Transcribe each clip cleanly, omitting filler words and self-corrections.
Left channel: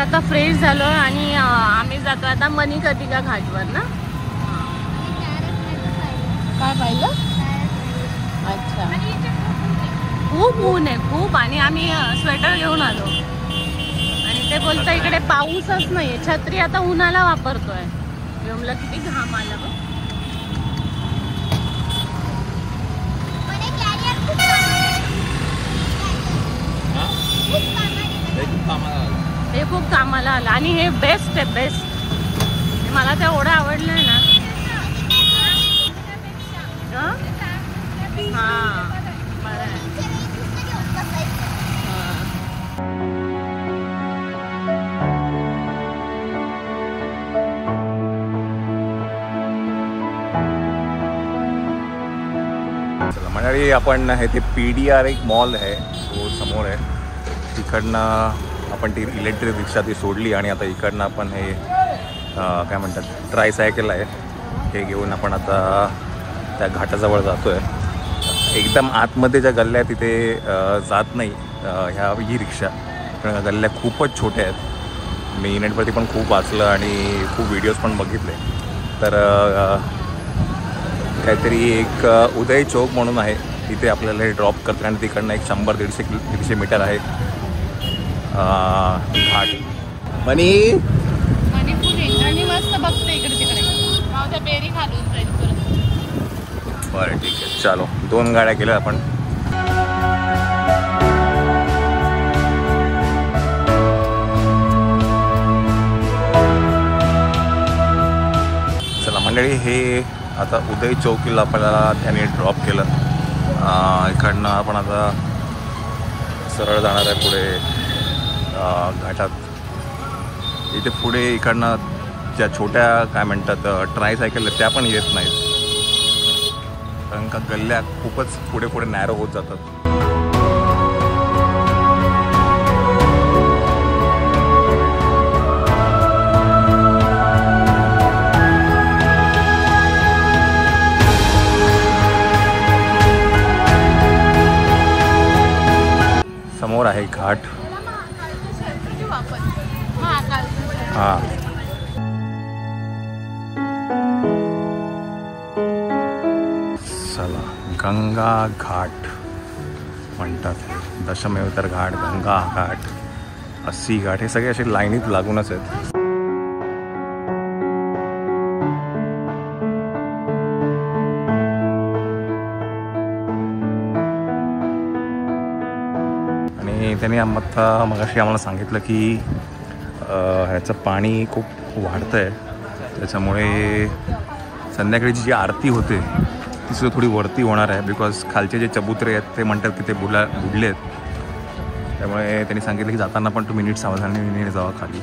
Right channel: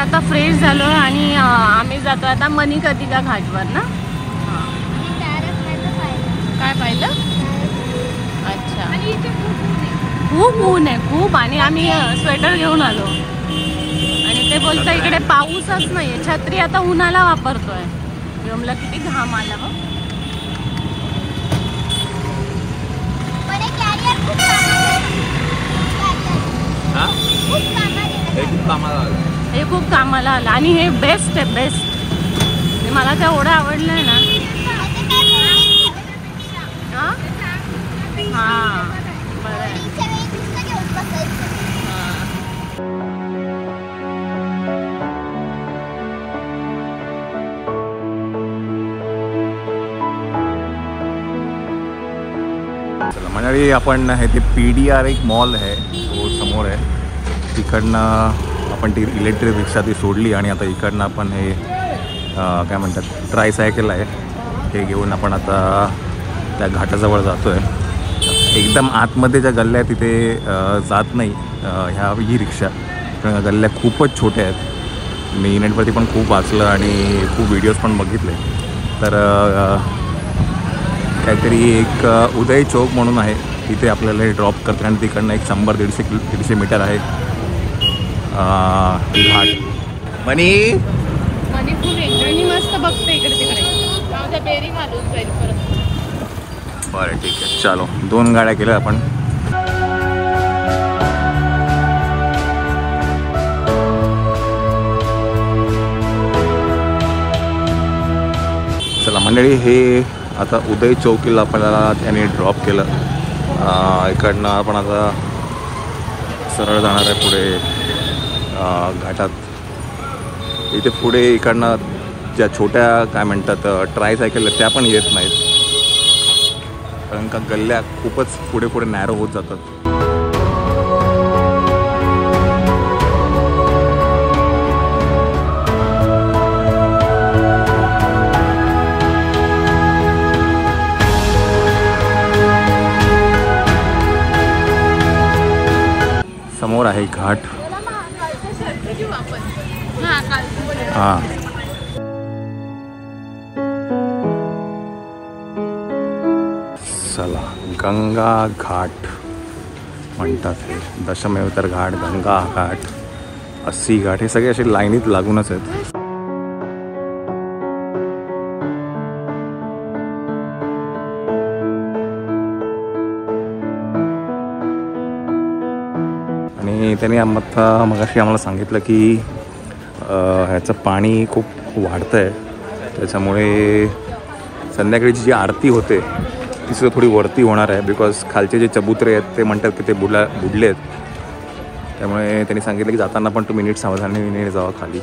आता फ्रेश झालो आणि आम्ही जातो आता मणिकर्णिका घाटवर ना. काय पाहिलं? अच्छा. खूप ऊन आहे खूप आणि आम्ही स्वेटर घेऊन आलो आणि ते बोलतं इकडे पाऊसच नाही. छत्री आता उन्हाला वापरतोय. व्योमला किती घाम आला बघ. हे खूप कामाला आलं आणि हे बेस्ट आहे बेस्ट. मला ते एवढं आवडलंय ना. हा बरं आहे. मंडळी आपण हे ते PDR एक मॉल आहे रोड समोर आहे. तिकडनं आपण ती इलेक्ट्रिक रिक्षा ती सोडली आणि आता इकडनं आपण हे काय म्हणतात ट्रायसायकल आहे हे घेऊन आपण आता त्या घाटाजवळ जातो आहे. एकदम आतमध्ये ज्या गल्ल्या आहेत तिथे जात नाही ही रिक्षा. कारण गल्ल्या खूपच छोट्या आहेत. मी नेटवरती पण खूप वाचलं आणि खूप व्हिडिओज पण बघितले. तर काहीतरी एक उदय चौक म्हणून आहे तिथे आपल्याला हे ड्रॉप करते आणि तिकडनं एक 100-150 मीटर आहे घाट. मनी खूप एकदाणी मस्त बघते इकडे तिकडे. बेरिंग घालून जाईल परत. बरं ठीक आहे चालो. 2 गाड्या केल्या आपण. चला मंडळी हे आता उदय चौकीला आपल्याला त्याने ड्रॉप केलं. इकडनं आपण आता सरळ जाणार आहे पुढे घाटात. इथे पुढे इकडनं ज्या छोट्या काय म्हणतात ट्रायसायकल त्या पण येत नाहीत कारण का गल्ल्या खूपच पुढे पुढे नॅरो होत जातात. समोर आहे घाट. हां चला गंगा घाट म्हणतात हे. दशमेतर घाट, गंगा घाट, 80 घाट हे सगळे असे लाईनीत लागूनच आहेत. आणि त्यांनी आता मगाशी आम्हाला सांगितलं की ह्याचं पाणी खूप वाढतं आहे त्याच्यामुळे संध्याकाळीची जी आरती होते ती सुद्धा थोडी वरती होणार आहे. बिकॉज खालचे जे चबुतरे आहेत ते म्हणतात की ते बुडले आहेत. त्यामुळे त्यांनी सांगितलं की जाताना पण तुम्ही नीट सावधानीने जावा खाली.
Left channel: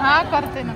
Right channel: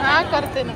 हा करते ना.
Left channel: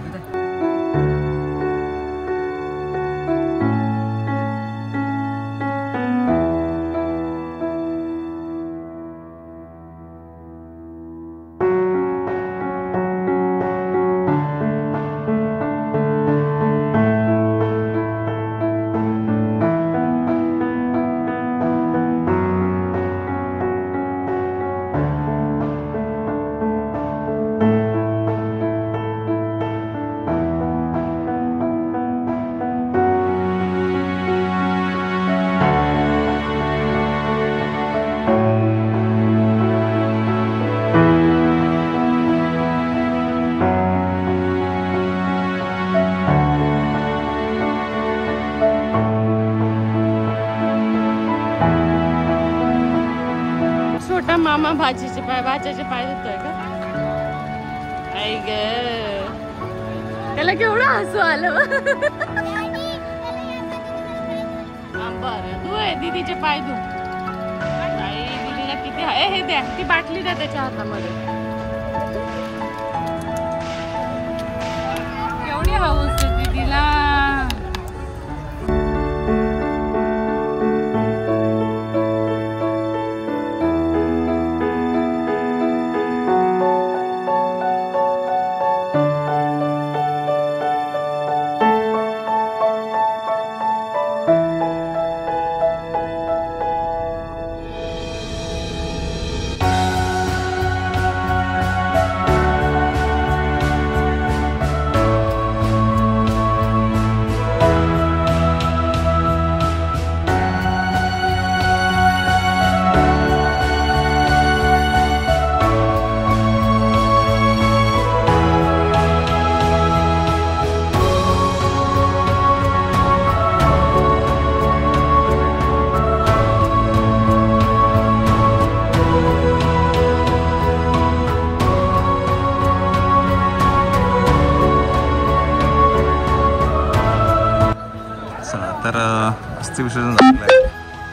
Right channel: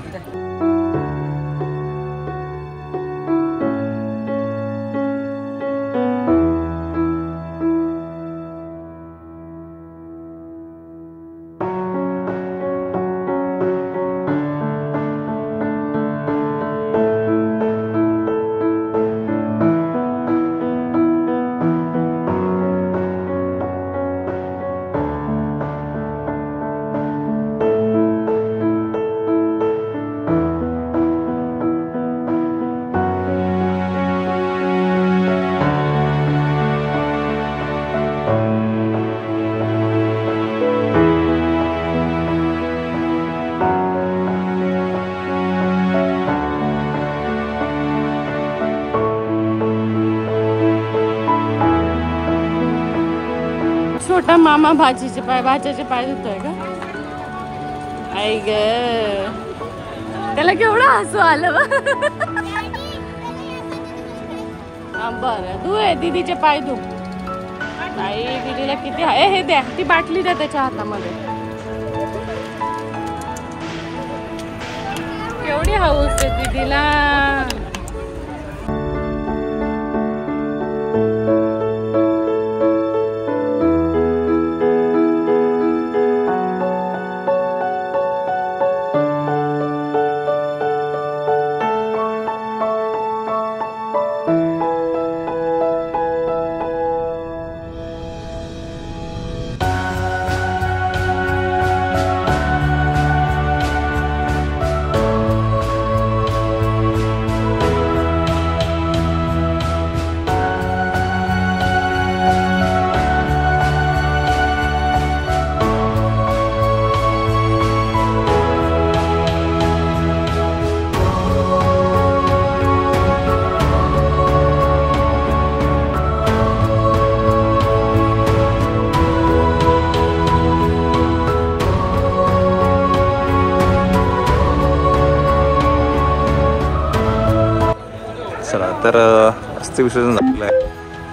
छोटा मामा भाच्याचे पाय धुतोय का? आई ग, त्याला केवढं हसू आलं. बरं धु दीदीचे पाय धु. आई दीदीला किती हे द्या, ती बाटली द्या त्याच्या हातामध्ये. केवढी हौस आहे दीदीला. तर अस्थि विसर्जन झालेलं आहे.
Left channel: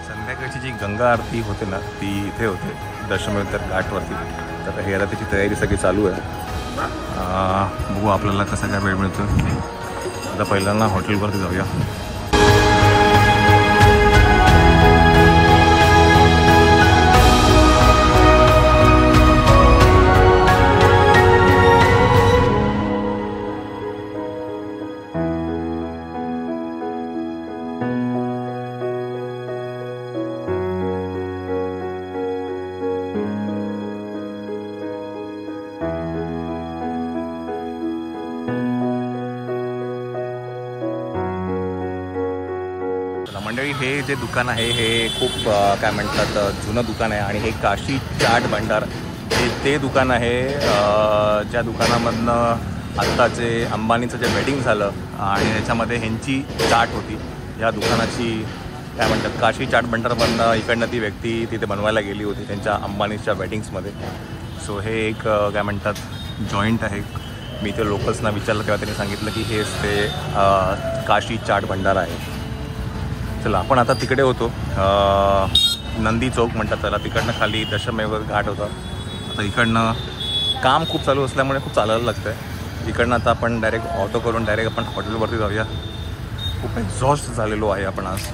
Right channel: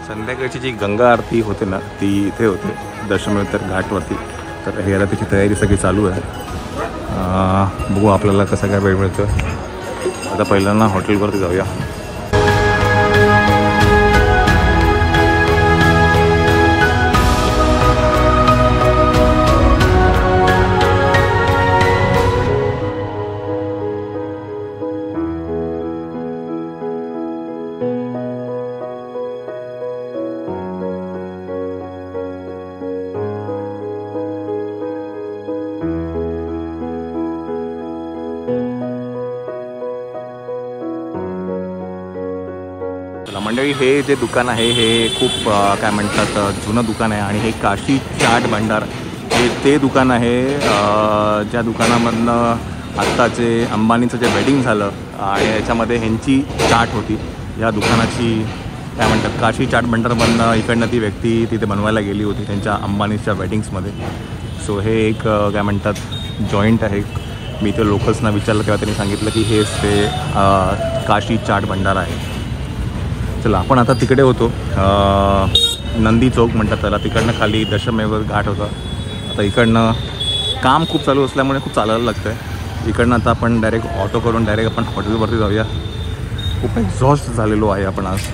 संध्याकाळची जी गंगा आरती होते ना ती इथे होते दशमेतर घाटवरती. तर हे आता त्याची तयारी सगळी चालू आहे. बघू आपल्याला कसा काय वेळ मिळतो. आता पहिल्यांदा हॉटेलवरती जाऊया. मंडळी, हे जे दुकान आहे हे खूप काय म्हणतात जुनं दुकान आहे आणि हे काशी चाट भंडार हे ते दुकान आहे ज्या दुकानामधनं आत्ताचे अंबानीचं जे वेडिंग झालं आणि याच्यामध्ये ह्यांची चाट होती. या दुकानाची काय म्हणतात काशी चाट भंडारमधनं इकडनं ती व्यक्ती तिथे बनवायला गेली होती त्यांच्या अंबानीच्या वेडिंग्समध्ये. सो हे एक काय म्हणतात जॉईंट आहे. मी इथे लोकल्सना विचारलं तेव्हा त्यांनी सांगितलं की हेच ते काशी चाट भंडार आहे. चला आपण आता तिकडे होतो नंदी चौक म्हणतात त्याला. तिकडनं खाली दशमेव घाट होता. आता इकडनं काम खूप चालू असल्यामुळे खूप चालायला लागतं आहे. इकडनं आता आपण डायरेक्ट ऑटो करून डायरेक्ट आपण हॉटेलवरती जाऊया. खूप एक्झॉस्ट झालेलो आहे आपण आज.